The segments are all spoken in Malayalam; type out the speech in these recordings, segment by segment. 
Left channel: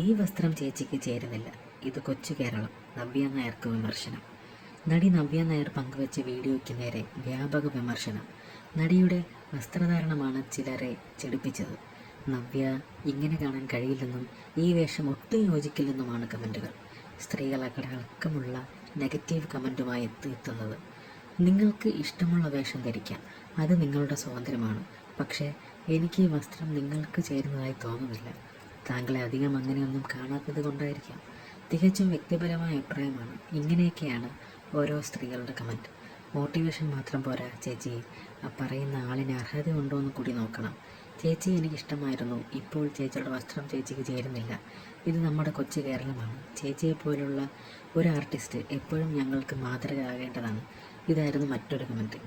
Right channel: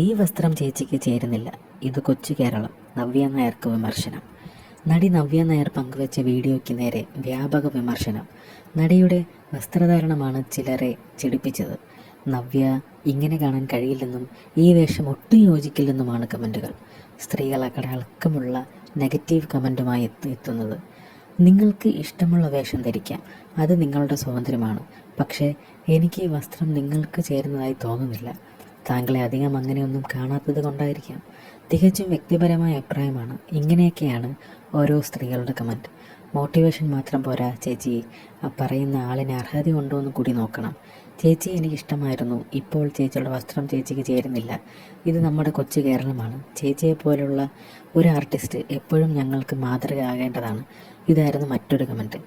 ഈ വസ്ത്രം ചേച്ചിക്ക് ചേരുന്നില്ല. ഇത് കൊച്ചു കേരളം. നവ്യ നായർക്ക് വിമർശനം. നടി നവ്യ നായർ പങ്കുവച്ച വീഡിയോയ്ക്ക് നേരെ വ്യാപക വിമർശനം. നടിയുടെ വസ്ത്രധാരണമാണ് ചിലരെ ചിടിപ്പിച്ചത്. നവ്യ ഇങ്ങനെ കാണാൻ കഴിയില്ലെന്നും ഈ വേഷം ഒട്ടും യോജിക്കില്ലെന്നുമാണ് കമൻറ്റുകൾ. സ്ത്രീകളടക്കമുള്ള നെഗറ്റീവ് കമൻറ്റുമായി എത്തുന്നത്. നിങ്ങൾക്ക് ഇഷ്ടമുള്ള വേഷം ധരിക്കാം, അത് നിങ്ങളുടെ സ്വാതന്ത്ര്യമാണ്. പക്ഷേ എനിക്ക് ഈ വസ്ത്രം നിങ്ങൾക്ക് ചേരുന്നതായി തോന്നുന്നില്ല. താങ്കളെ അധികം അങ്ങനെയൊന്നും കാണാത്തത് കൊണ്ടായിരിക്കാം. തികച്ചും വ്യക്തിപരമായ അഭിപ്രായമാണ്. ഇങ്ങനെയൊക്കെയാണ് ഓരോ സ്ത്രീകളുടെ കമൻറ്റ്. മോട്ടിവേഷൻ മാത്രം പോരാ ചേച്ചി, പറയുന്ന ആളിന് അർഹത ഉണ്ടോ എന്ന് കൂടി നോക്കണം. ചേച്ചി എനിക്കിഷ്ടമായിരുന്നു, ഇപ്പോൾ ചേച്ചിയുടെ വസ്ത്രം ചേച്ചിക്ക് ചേരുന്നില്ല. ഇത് നമ്മുടെ കൊച്ചു കേരളമാണ്. ചേച്ചിയെപ്പോലുള്ള ഒരു ആർട്ടിസ്റ്റ് എപ്പോഴും ഞങ്ങൾക്ക് മാതൃകയാകേണ്ടതാണ്. ഇതായിരുന്നു മറ്റൊരു കമൻറ്റ്.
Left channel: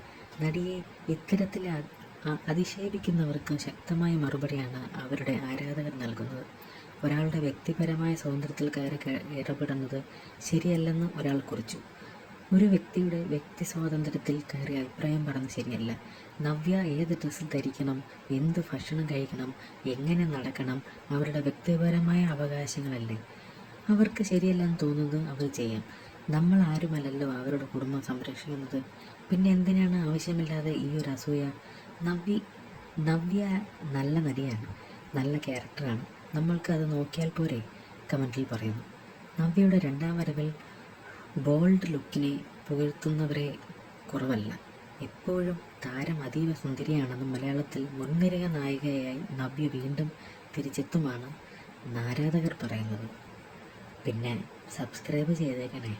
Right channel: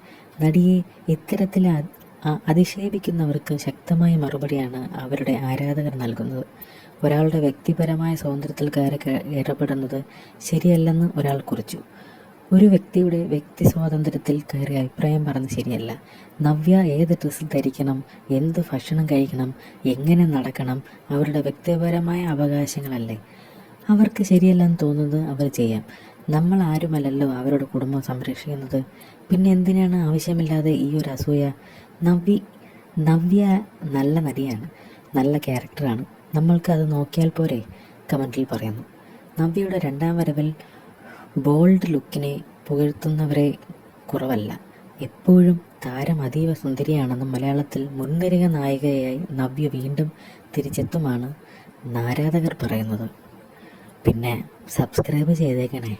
നടിയെ ഇത്തരത്തിൽ അധിക്ഷേപിക്കുന്നവർക്ക് ശക്തമായ മറുപടിയാണ് അവരുടെ ആരാധകർ നൽകുന്നത്. ഒരാളുടെ വ്യക്തിപരമായ സ്വാതന്ത്ര്യത്തിൽ കയറി ഇടപെടുന്നത് ശരിയല്ലെന്ന് ഒരാൾ കുറിച്ചു. ഒരു വ്യക്തിയുടെ വ്യക്തി സ്വാതന്ത്ര്യത്തിൽ കയറി അഭിപ്രായം പറഞ്ഞത് ശരിയല്ല. നവ്യ ഏത് ഡ്രസ്സ് ധരിക്കണം, എന്ത് ഭക്ഷണം കഴിക്കണം, എങ്ങനെ നടക്കണം, അവരുടെ വ്യക്തിപരമായ അവകാശങ്ങളല്ലേ. അവർക്ക് ശരിയല്ലെന്ന് തോന്നുന്നത് അവർ ചെയ്യാം. നമ്മൾ ആരുമല്ലല്ലോ അവരുടെ കുടുംബം സംരക്ഷിക്കുന്നത്. പിന്നെ എന്തിനാണ് ആവശ്യമില്ലാതെ ഈ ഒരു അസൂയ? നവ്യ നല്ല നടിയാണ്, നല്ല ക്യാരക്ടറാണ്. നമ്മൾക്ക് അത് നോക്കിയാൽ പോരെ, കമൻറ്റിൽ പറയുന്നു. നവ്യയുടെ രണ്ടാം വരവിൽ ബോൾഡ് ലുക്കിനെ പുകഴ്ത്തുന്നവരെ കുറവല്ല. എപ്പോഴും താരം അതീവ സുന്ദരിയാണെന്നും മലയാളത്തിൽ മുൻനിര നായികയായി നവ്യ വീണ്ടും തിരിച്ചെത്തുമാണ് ആരാധകർ പറയുന്നത്. പിന്നെ സബ്സ്ക്രൈബ് ചെയ്തേക്കണേ.